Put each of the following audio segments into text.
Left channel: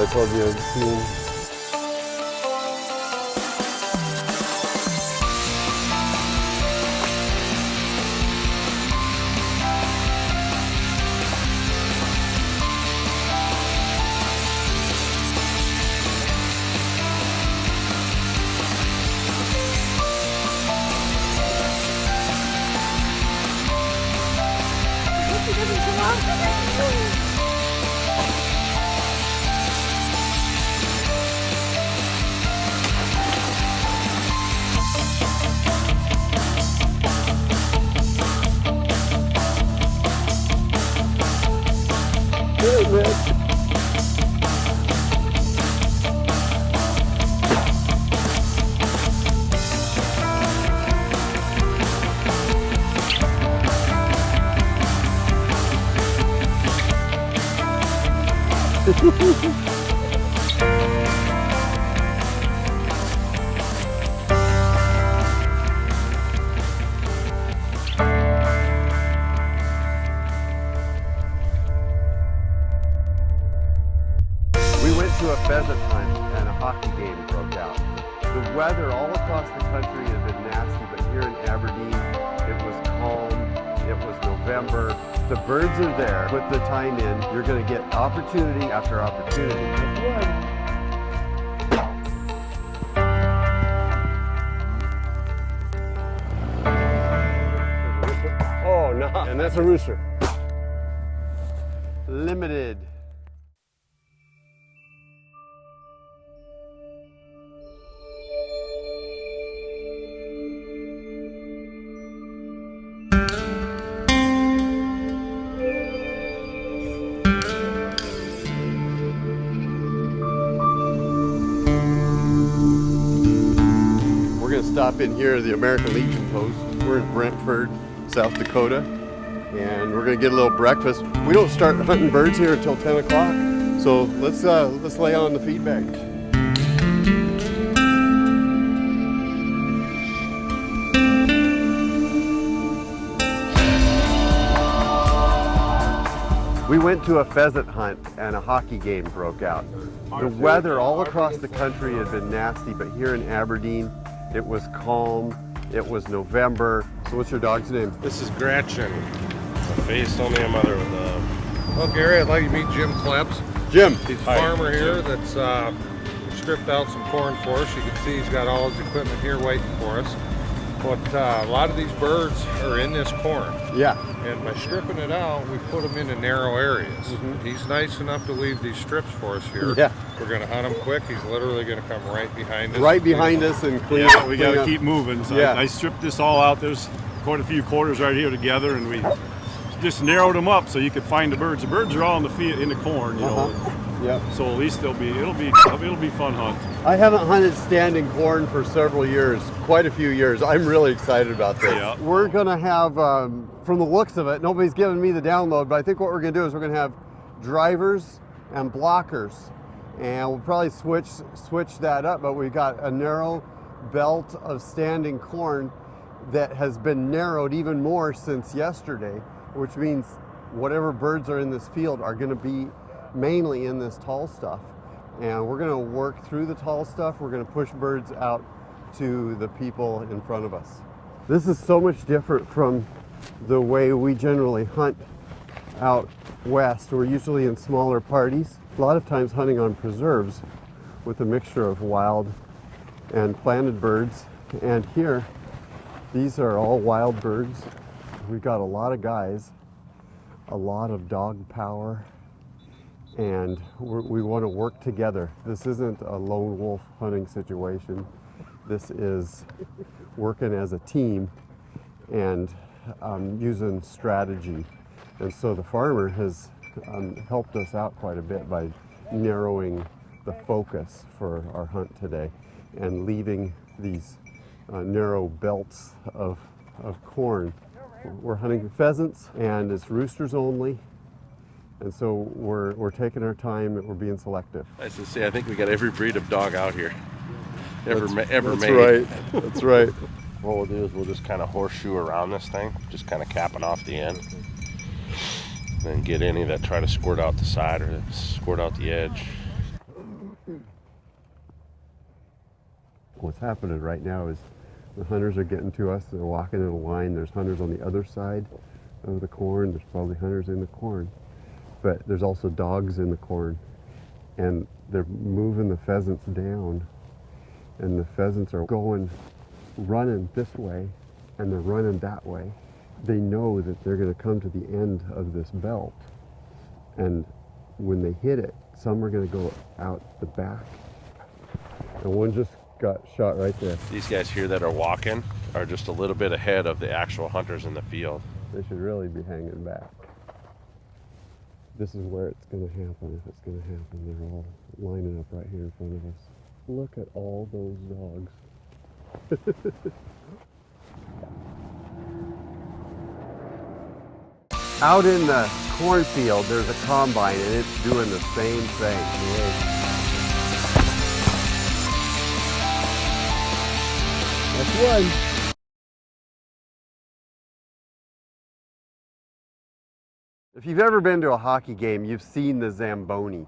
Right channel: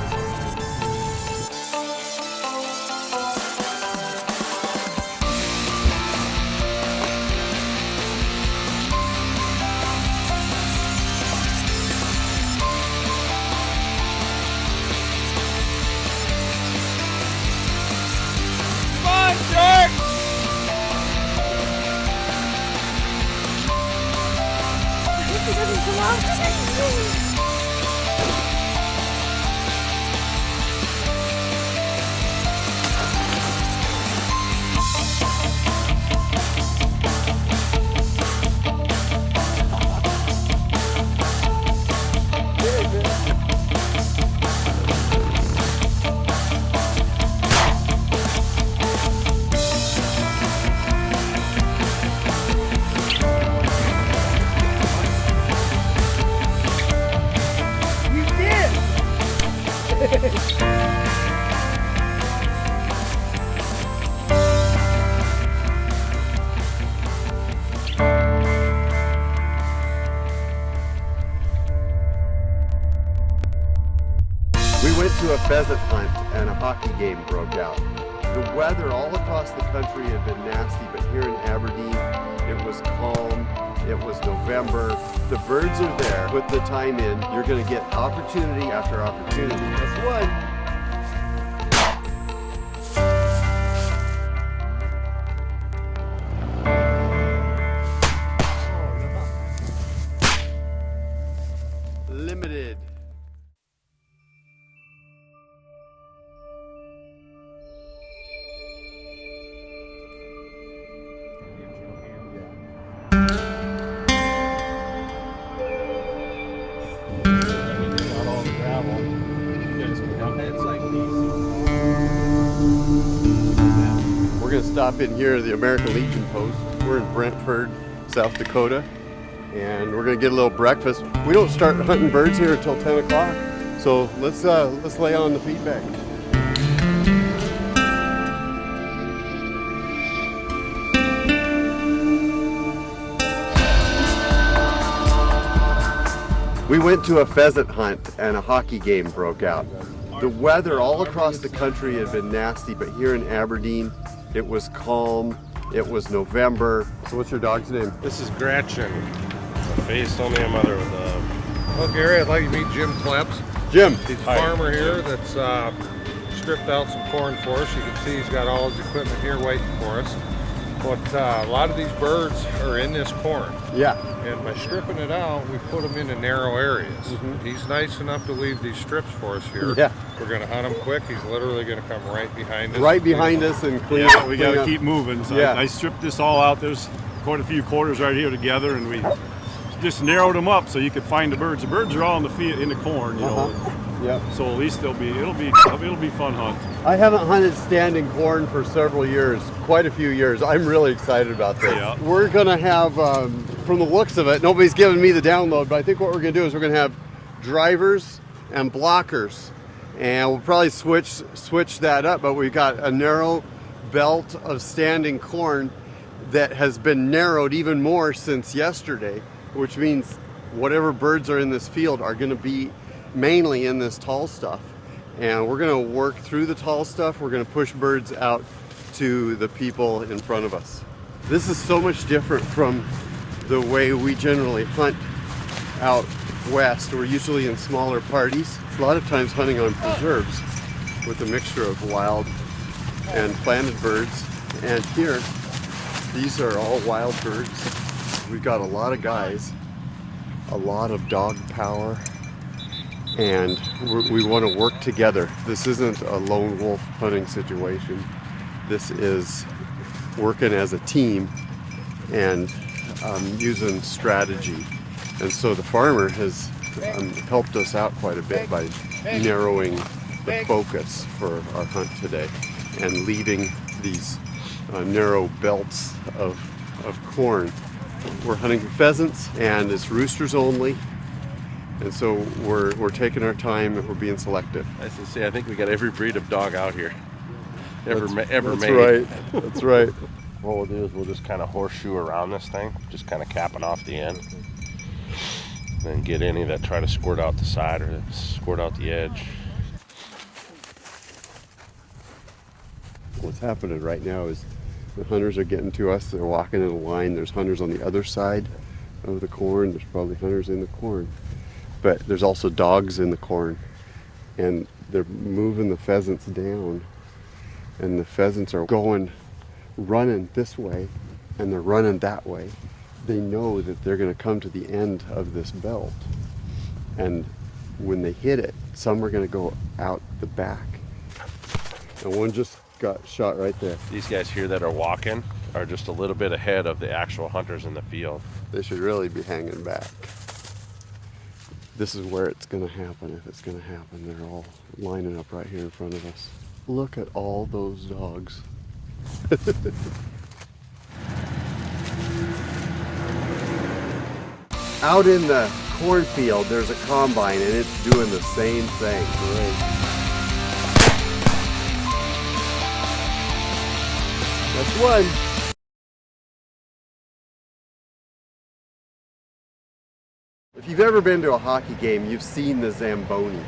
I told you I'd seen. He doesn't come out. We went to a pheasant hunt and a hockey game broke out. The weather all across the country had been nasty, but here in Aberdeen, it was calm, it was November. The birds are there. Put the time in, you're gonna get opportunity after opportunity. This one. Oh no, and that's a rooster. Limited. We're going to stop in here at the American Legion post. We're in Brentford, South Dakota, and we're going to get a little breakfast. We don't start hunting birds here until 10 o'clock, so let's lay on the feedback. We went to a pheasant hunt and a hockey game broke out. The weather all across the country had been nasty, but here in Aberdeen, it was calm, it was November. So what's your dog's name? This is Gretchen. A face only a mother with love. Well, Gary, I'd like you to meet Jim Kleps. Jim. He's a farmer here that's stripped out some corn for us. You can see he's got all his equipment here waiting for us. But a lot of these birds are in this corn. Yeah. And by stripping it out, we put them into narrow areas. Mm-hmm. He's nice enough to leave these strips for us here. Yeah. We're going to hunt him quick. He's literally going to come right behind us. Right behind us and clean Yeah, up. we clean got to up. keep moving. So Yeah. I stripped this all out. There's quite a few quarters right here together, and we just narrowed them up so you could find the birds. The birds are all in the field, in the corn, you know. Yep. So at least it'll be fun hunt. I haven't hunted standing corn for several years, quite a few years. I'm really excited about this. Yeah. We're gonna have, from the looks of it, nobody's giving me the download, but I think what we're gonna do is we're gonna have drivers and blockers, and we'll probably switch that up. But we've got a narrow belt of standing corn that has been narrowed even more since yesterday, which means whatever birds are in this field are gonna be mainly in this tall stuff. And we're gonna work through the tall stuff. We're gonna push birds out to the people in front of us. This is so much different from the way we generally hunt out west. We're usually in smaller parties. A lot of times hunting on preserves with a mixture of wild and planted birds. And here, these are all wild birds. We've got a lot of guys, a lot of dog power, and we want to work together. This isn't a lone wolf hunting situation. This is working as a team and using strategy. And so the farmer has helped us out quite a bit by narrowing the focus for our hunt today and leaving these narrow belts of corn. We're hunting pheasants and it's roosters only. And so we're taking our time and we're being selective. Nice to see. I think we got every breed of dog out here ever made. That's right. That's right. What we'll do is we'll just kind of horseshoe around this thing, just kind of capping off the end. Then get any that try to squirt out the side or squirt out the edge. What's happening right now is the hunters are getting to us. They're walking in a line. There's hunters on the other side of the corn. There's probably hunters in the corn. But there's also dogs in the corn. And they're moving the pheasants down. And the pheasants are running this way, and they're running that way. They know that they're going to come to the end of this belt. And when they hit it, some are going to go out the back. And one just got shot right there. These guys here that are walking are just a little bit ahead of the actual hunters in the field. They should really be hanging back. This is where it's going to happen, if it's going to happen. They're all lining up right here in front of us. Look at all those dogs. Out in the cornfield, there's a combine, and it's doing the same thing. That's one. If you've ever been to a hockey game, you've seen the Zamboni.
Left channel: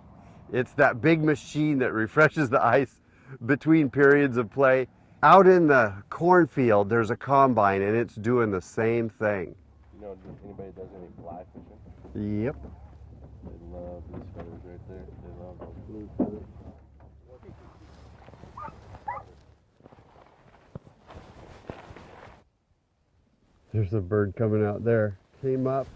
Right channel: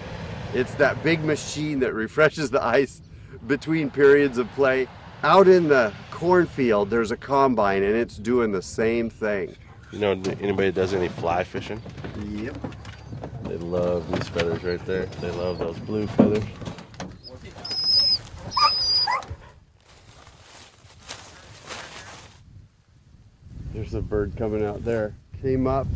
It's that big machine that refreshes the ice between periods of play. Out in the cornfield, there's a combine, and it's doing the same thing. You know anybody that does any fly fishing? Yep. They love these feathers right there. They love those blue feathers. There's a bird coming out there. Came up,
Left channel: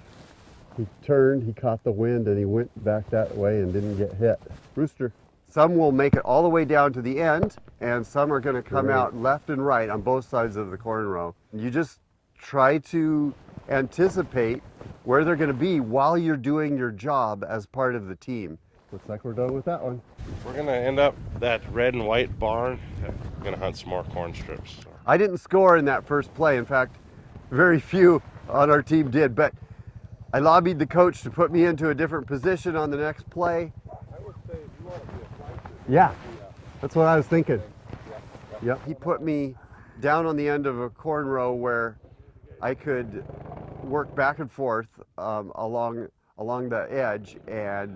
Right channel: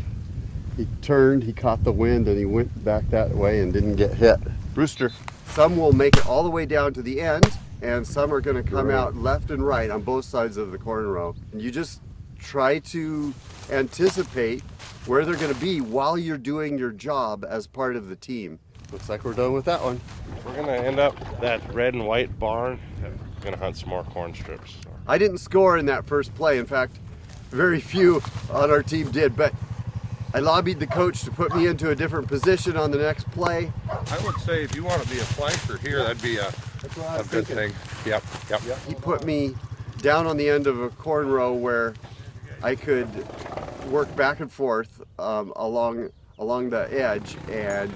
he turned, he caught the wind, and he went back that way and didn't get hit. Rooster. Some will make it all the way down to the end, and some are going to come out left and right on both sides of the corn row. You just try to anticipate where they're going to be while you're doing your job as part of the team. Looks like we're done with that one. We're going to end up that red and white barn. We're going to hunt some more corn strips. I didn't score in that first play. In fact, very few on our team did, but I lobbied the coach to put me into a different position on the next play. I would say if you want to be a flanker here, Yeah. that'd be That's what I was good thinking. thing. Yep. Yep. He put me down on the end of a corn row where I could work back and forth along the edge and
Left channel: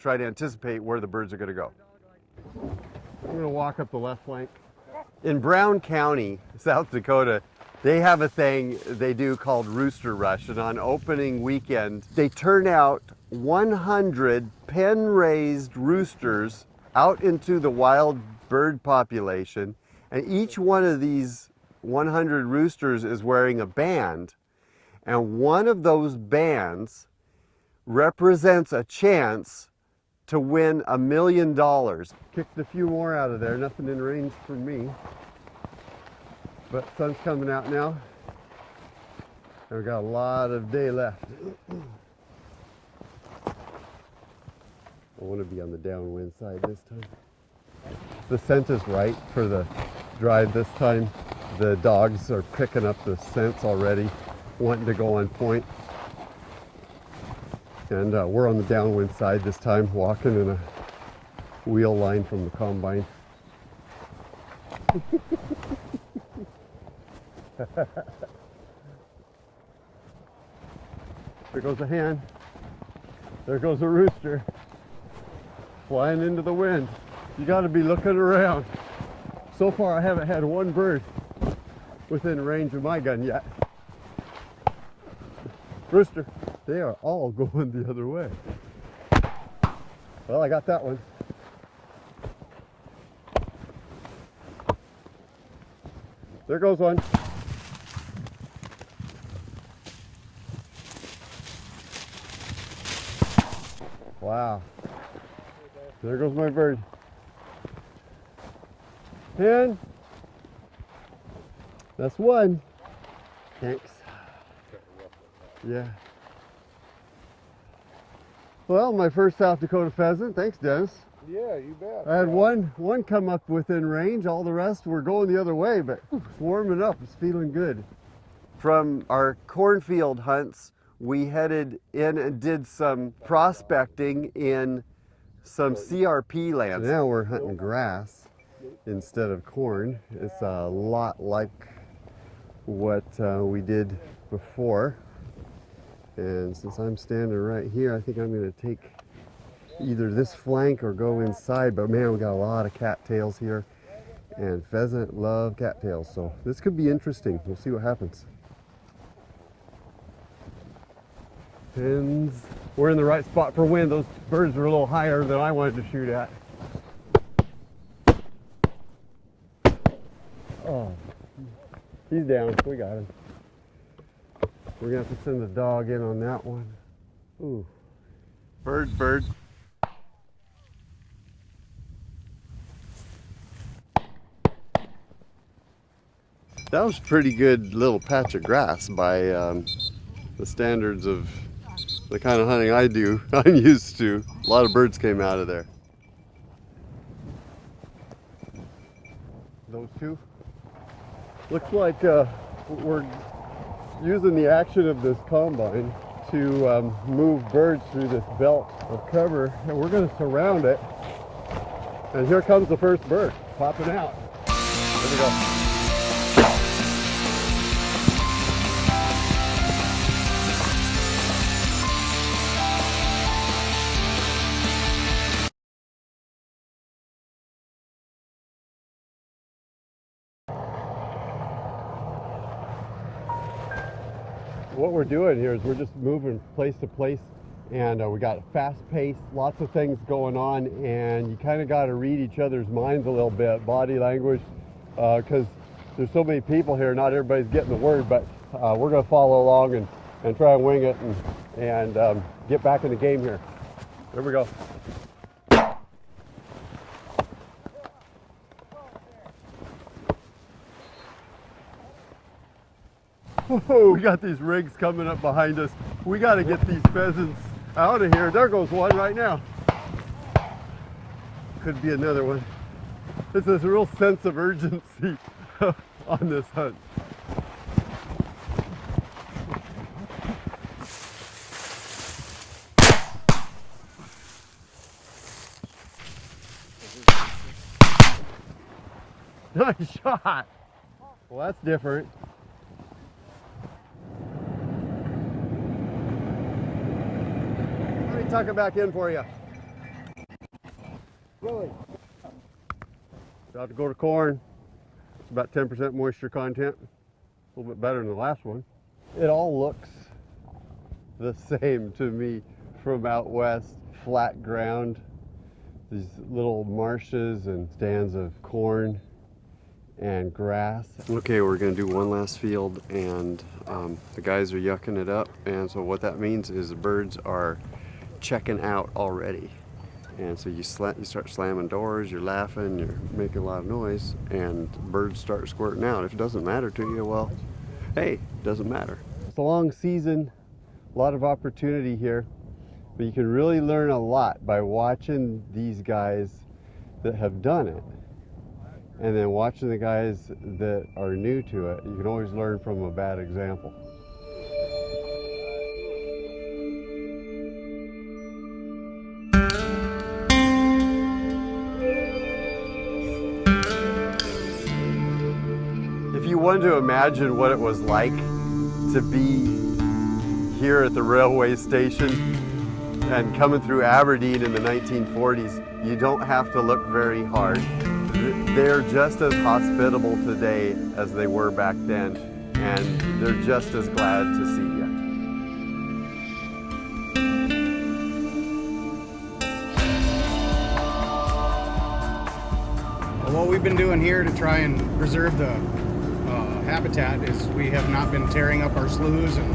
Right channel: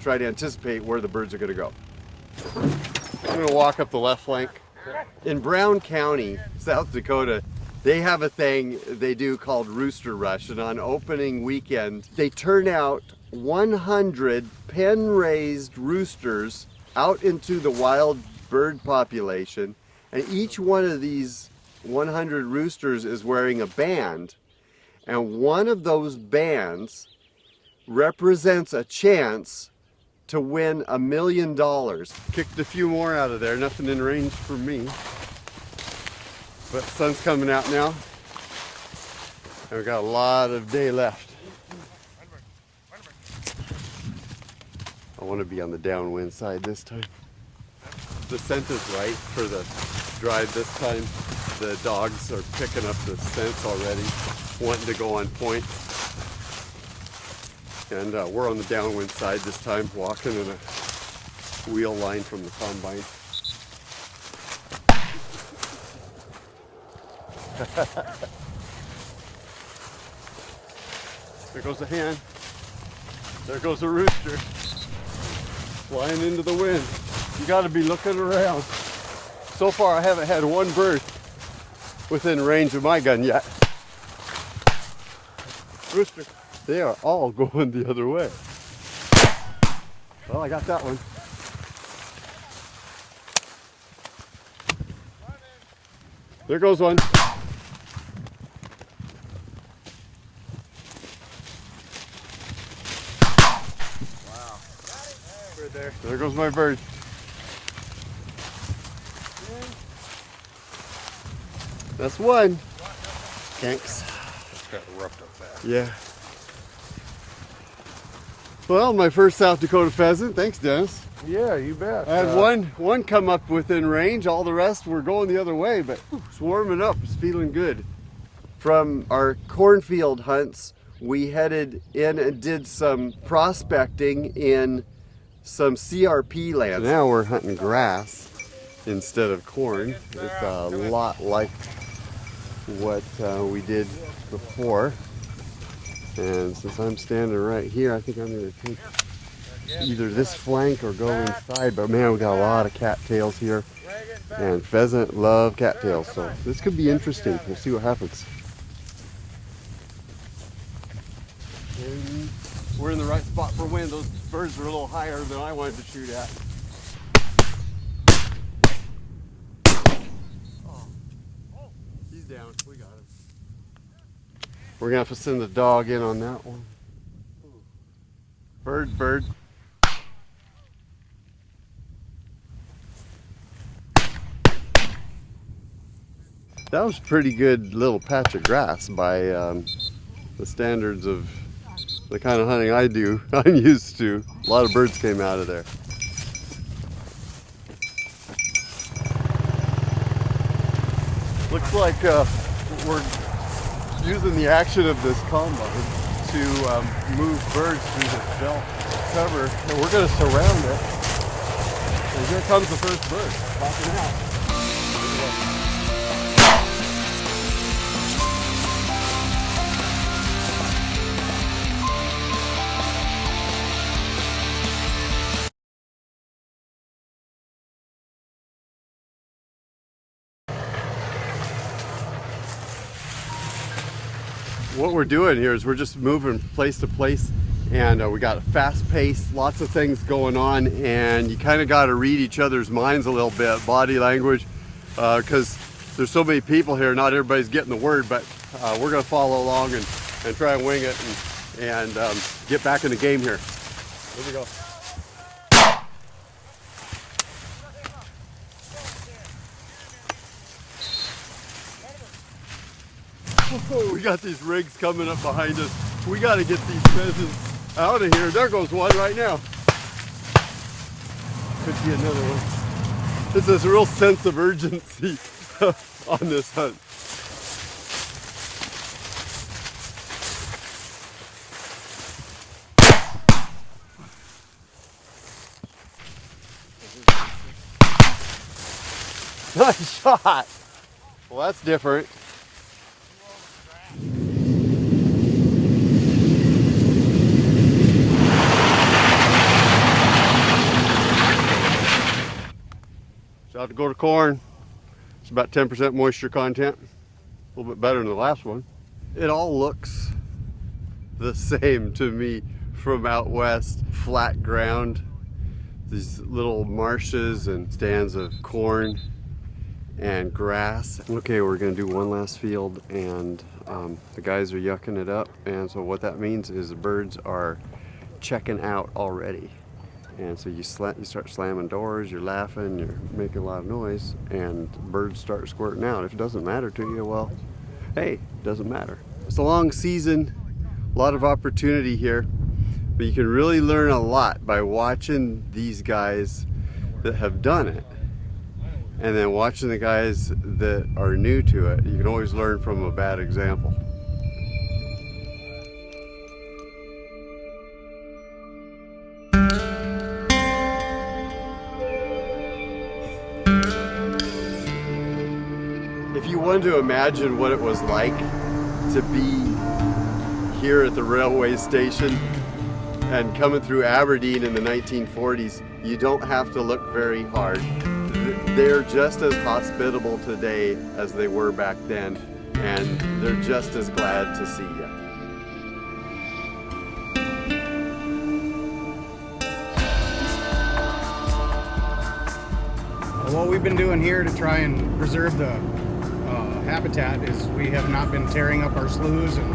try to anticipate where the birds are going to go. I'm going to walk up the left flank. In Brown County, South Dakota, they have a thing they do called Rooster Rush, and on opening weekend, they turn out 100 pen-raised roosters out into the wild bird population, and each one of these 100 roosters is wearing a band, and one of those bands represents a chance to win $1 million. Kicked a few more out of there, nothing in range for me. But the sun's coming out now. And we've got a lot of day left. I want to be on the downwind side this time. The scent is right for the drive this time. The dogs are picking up the scents already, wanting to go on point. And we're on the downwind side this time, walking in a wheel line from the combine. There goes a hen. There goes a rooster. Flying into the wind. You got to be looking around. So far I haven't had one bird within range of my gun yet. Rooster, they are all going the other way. Well, I got that one. There goes one. Wow. Right there. There goes my bird. And that's one. Thanks. It's got roughed up fast. Yeah. Well, my first South Dakota pheasant. Thanks, Dennis. Yeah, you bet. I had one come up within range. All the rest were going the other way, but it's warming up. It's feeling good. From our cornfield hunts, we headed in and did some prospecting in some CRP lands. Now we're hunting grass instead of corn. It's a lot like what we did before. And since I'm standing right here, I think I'm going to take either this flank or go inside. But man, we got a lot of cattails here. And pheasant love cattails, so this could be interesting. We'll see what happens. And we're in the right spot for wind. Those birds are a little higher than I wanted to shoot at. Oh, he's down. We got him. We're gonna have to send the dog in on that one. Ooh. Bird, bird. That was a pretty good little patch of grass by the standards of the kind of hunting I do. I'm used to. A lot of birds came out of there. Looks like we're using the action of this combine to move birds through this belt of cover. And we're going to surround it. And here comes the first bird popping out. Here we go. What we're doing here is we're just moving place to place, and we got a fast pace, lots of things going on, and you kind of got to read each other's minds a little bit, body language, because there's so many people here, not everybody's getting the word, but we're going to follow along and try and wing it and get back in the game here. Here we go. Oh, we got these rigs coming up behind us. We got to get these pheasants out of here. There goes one right now. Could be another one. There's this real sense of urgency on this hunt. Nice shot. Well, that's different. South Dakota corn. It's about 10% moisture content. A little bit better than the last one. It all looks the same to me from out west. Flat ground, these little marshes and stands of corn and grass. Okay, we're gonna do one last field, and the guys are yucking it up, and so what that means is the birds are checking out already. And so you start slamming doors, you're laughing, you're making a lot of noise, and birds start squirting out. If it doesn't matter to you, well, hey, it doesn't matter. It's a long season, a lot of opportunity here, but you can really learn a lot by watching these guys that have done it, and then watching the guys that are new to it. You can always learn from a bad example. If you wanted to imagine what it was like to be here at the railway station and coming through Aberdeen in the 1940s, you don't have to look very hard. They're just as hospitable today as they were back then, and they're just as glad to see you. What we've been doing here to try and preserve the habitat is we have not been tearing up our sloughs and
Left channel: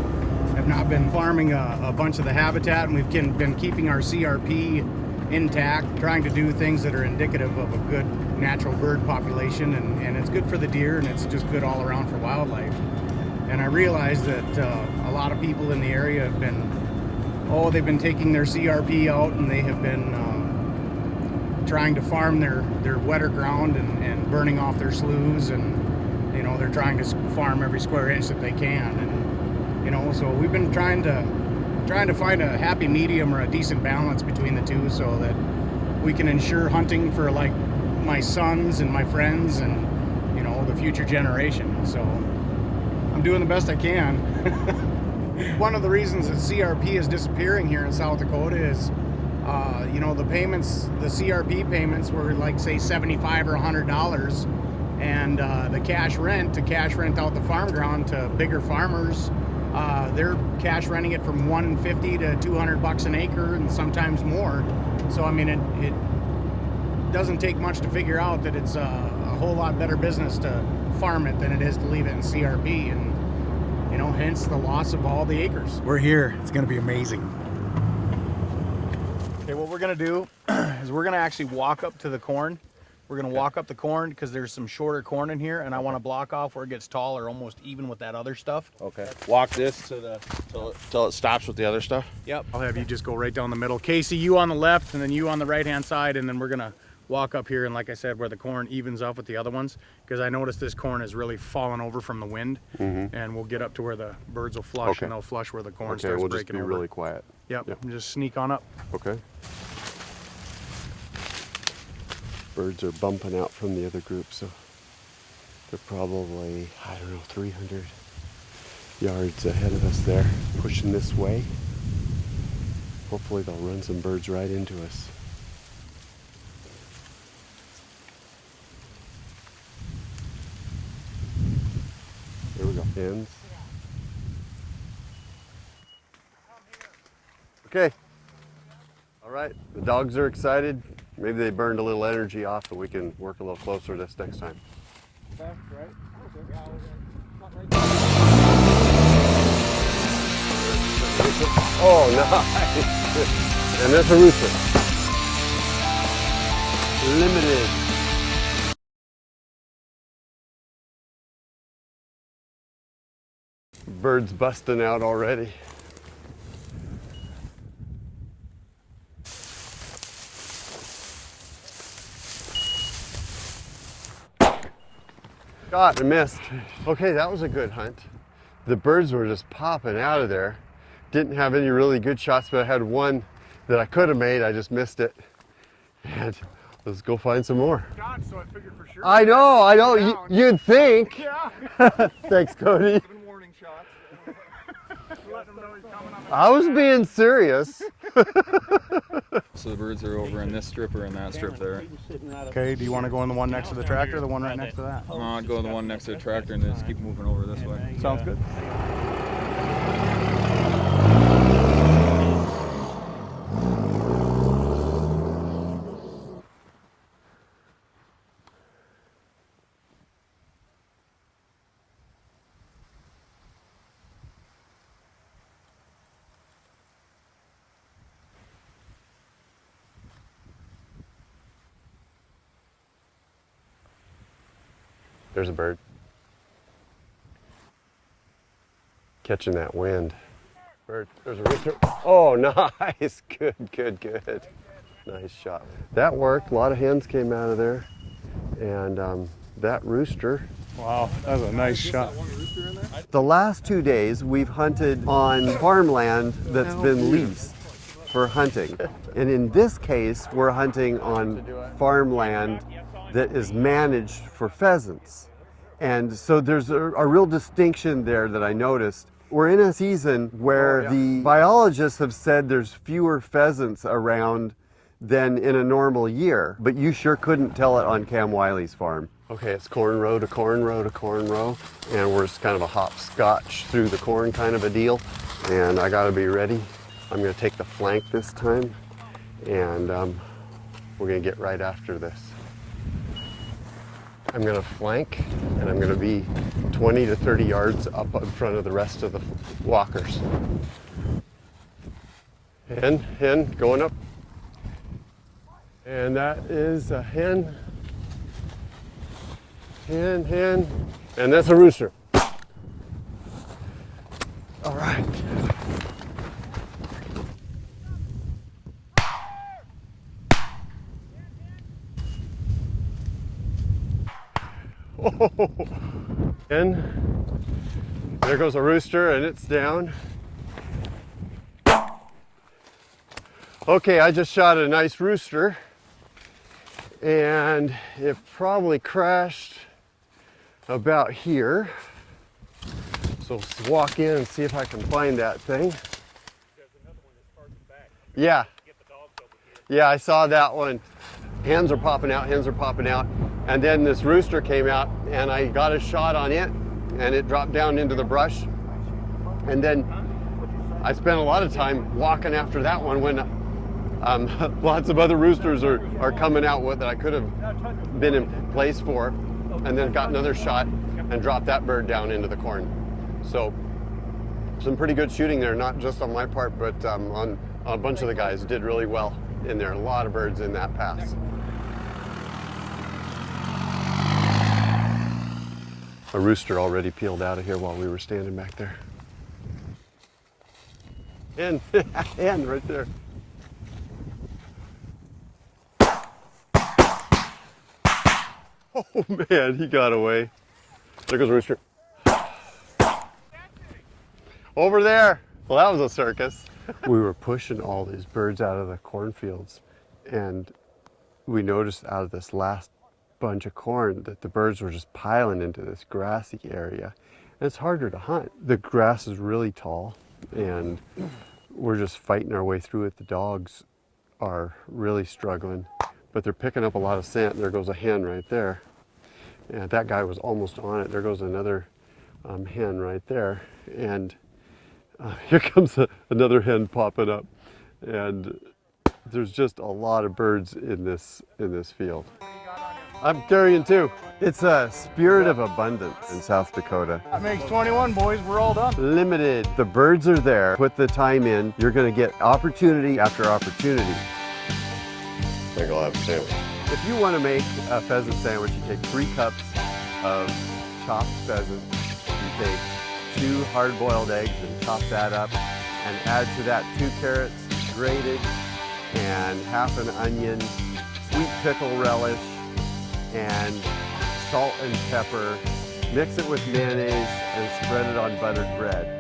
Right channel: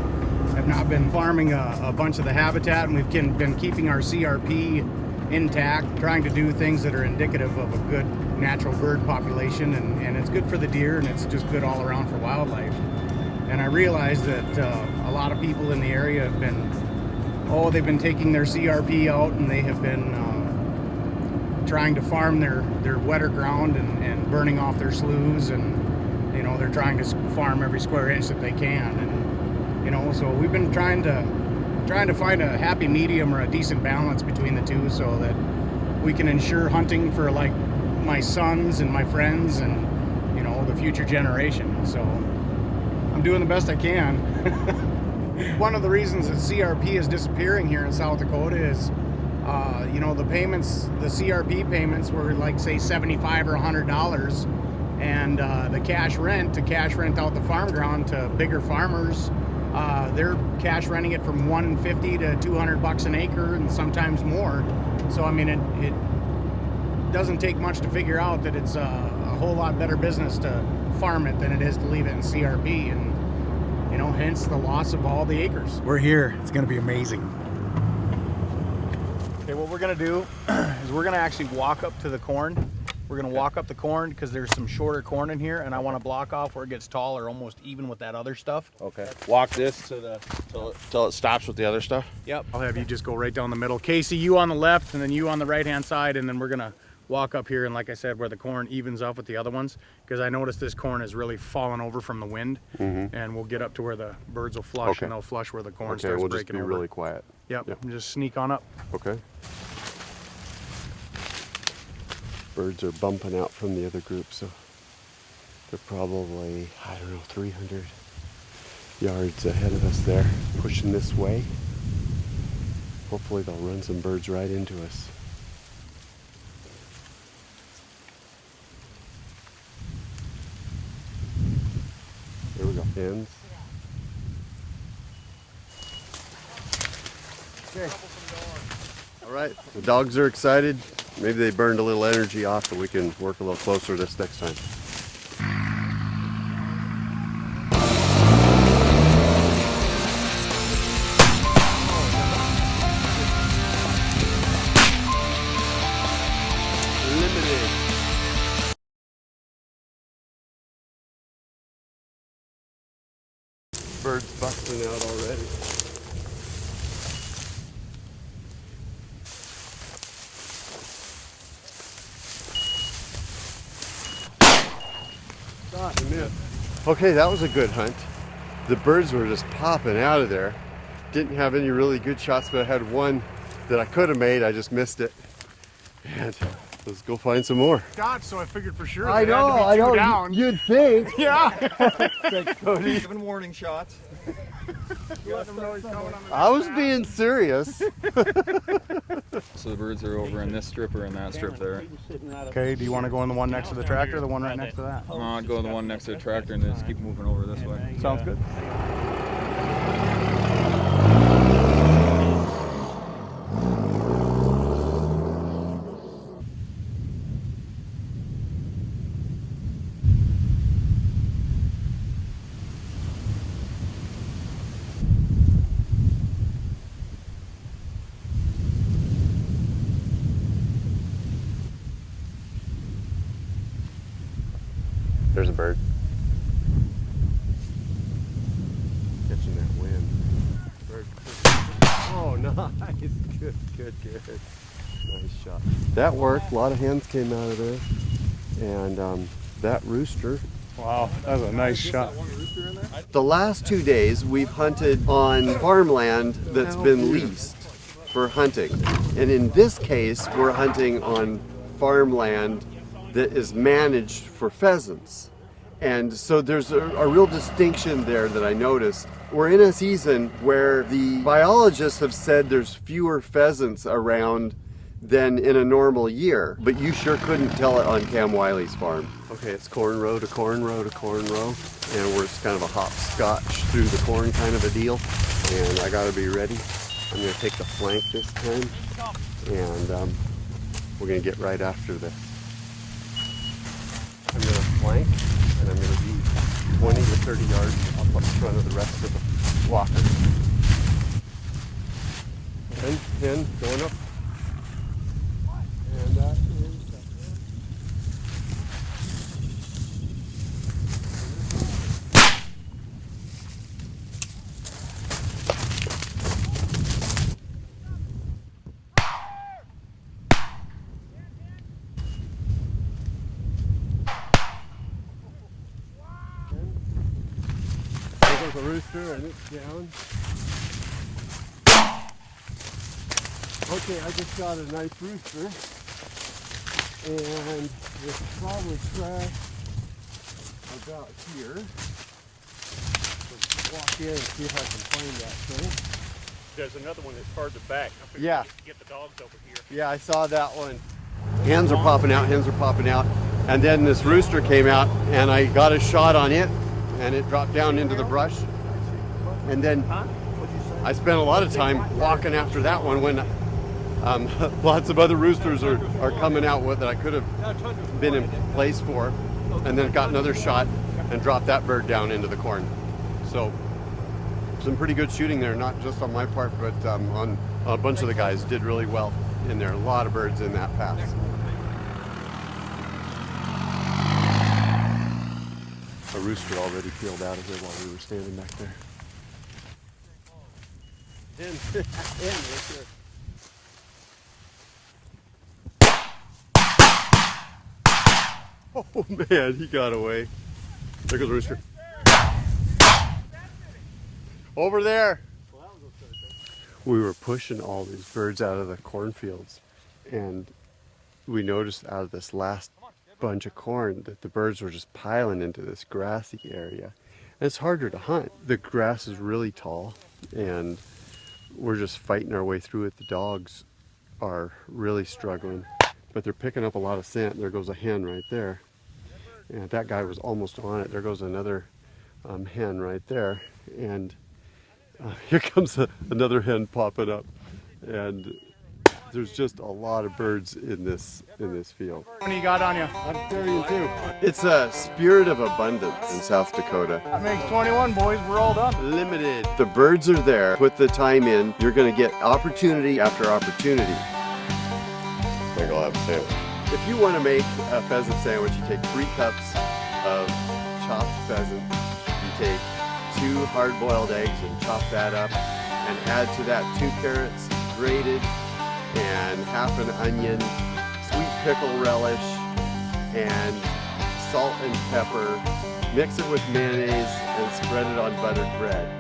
have not been farming a bunch of the habitat, and we've been keeping our CRP intact, trying to do things that are indicative of a good natural bird population, and it's good for the deer, and it's just good all around for wildlife. And I realize that a lot of people in the area have been, they've been taking their CRP out, and they have been trying to farm their wetter ground and burning off their sloughs, and they're trying to farm every square inch that they can, and so we've been trying to find a happy medium or a decent balance between the two, so that we can ensure hunting for like my sons and my friends and the future generation. So I'm doing the best I can. One of the reasons that CRP is disappearing here in South Dakota is the payments, the CRP payments were like say $75 or $100 And the cash rent out the farm ground to bigger farmers, they're cash renting it from $150 to $200 an acre and sometimes more. So I mean, it doesn't take much to figure out that it's a whole lot better business to farm it than it is to leave it in CRP, and you know, hence the loss of all the acres. We're here. It's going to be amazing. Okay, what we're going to do is we're going to actually walk up to the corn. We're going to walk up the corn because there's some shorter corn in here, and I want to block off where it gets taller, almost even with that other stuff. Okay. Walk this to till it stops with the other stuff. Yep. I'll have you just go right down the middle. Casey, you on the left, and then you on the right-hand side, and then we're going to walk up here, and like I said, where the corn evens up with the other ones, because I noticed this corn is really fallen over from the wind, and we'll get up to where the birds will flush, and they'll flush where the corn starts we'll breaking just be over. really quiet. Yep. And just sneak on up. Okay. Birds are bumping out from the other group, so they're probably, I don't know, 300 yards ahead of us there, pushing this way. Hopefully they'll run some birds right into us. There we go. Hens. Okay. All right. The dogs are excited. Maybe they burned a little energy off, and we can work a little closer this next time. Oh, nice. And there's a rooster. Limited. Birds busting out already. Shot and missed. Okay, that was a good hunt. The birds were just popping out of there. Didn't have any really good shots, but I had one that I could have made. I just missed it. And let's go find some more. God, so I figured for sure. I know. You'd think. Yeah. Thanks, Cody. Giving warning shots. I was being serious. So the birds are over in this strip or in that strip there. Okay, do you want to go in the one next to the tractor or the one right next to that? I'll go the one next to the tractor and then just keep moving over this way. Sounds good. There's a bird. Catching that wind. Bird. There's a rooster. Oh, nice. Good. Nice shot. That worked. A lot of hens came out of there. And that rooster. Wow, that was a nice shot. The last 2 days we've hunted on farmland that's been leased for hunting. And in this case, we're hunting on farmland that is managed for pheasants. And so there's a real distinction there that I noticed. We're in a season where the biologists have said there's fewer pheasants around than in a normal year, but you sure couldn't tell it on Cam Wiley's farm. Okay, it's corn row to corn row to corn row, and we're just kind of a hopscotch through the corn kind of a deal. And I gotta be ready. I'm gonna take the flank this time, and we're gonna get right after this. I'm gonna flank, and I'm gonna be 20 to 30 yards up in front of the rest of the walkers. Hen going up. And that is a hen. Hen. And that's a rooster. All right. Oh, hen. There goes a rooster, and it's down. Okay, I just shot a nice rooster, and it probably crashed about here. So let's walk in and see if I can find that thing. There's another one that's hard to back. Yeah. Get the dogs over here. Yeah, I saw that one. Hens are popping out, And then this rooster came out and I got a shot on it and it dropped down into the brush. And then I spent a lot of time walking after that one when lots of other roosters are coming out with that I could have been in place for. And then got another shot and dropped that bird down into the corn. So some pretty good shooting there, not just on my part, but on a bunch of the guys did really well in there. A lot of birds in that pass. A rooster already peeled out of here while we were standing back there. And right there. Oh man, he got away. There goes a rooster. Over there. Well, that was a circus. We were pushing all these birds out of the cornfields, and we noticed out of this last bunch of corn that the birds were just piling into this grassy area. And it's harder to hunt. The grass is really tall, and we're just fighting our way through it. The dogs are really struggling, but they're picking up a lot of scent. There goes a hen right there. And that guy was almost on it. There goes another hen right there. And here comes another hen popping up. And there's just a lot of birds in this field. How many you got on you? I'm carrying two. It's a spirit of abundance in South Dakota. That makes 21, boys. We're all done. Limited. The birds are there. Put the time in. You're going to get opportunity after opportunity. I think I'll have a sandwich. If you want to make a pheasant sandwich, you take 3 cups of chopped pheasant. You take 2 hard-boiled eggs and chop that up, and add to that 2 carrots grated, and half an onion, sweet pickle relish, and salt and pepper. Mix it with mayonnaise and spread it on buttered bread.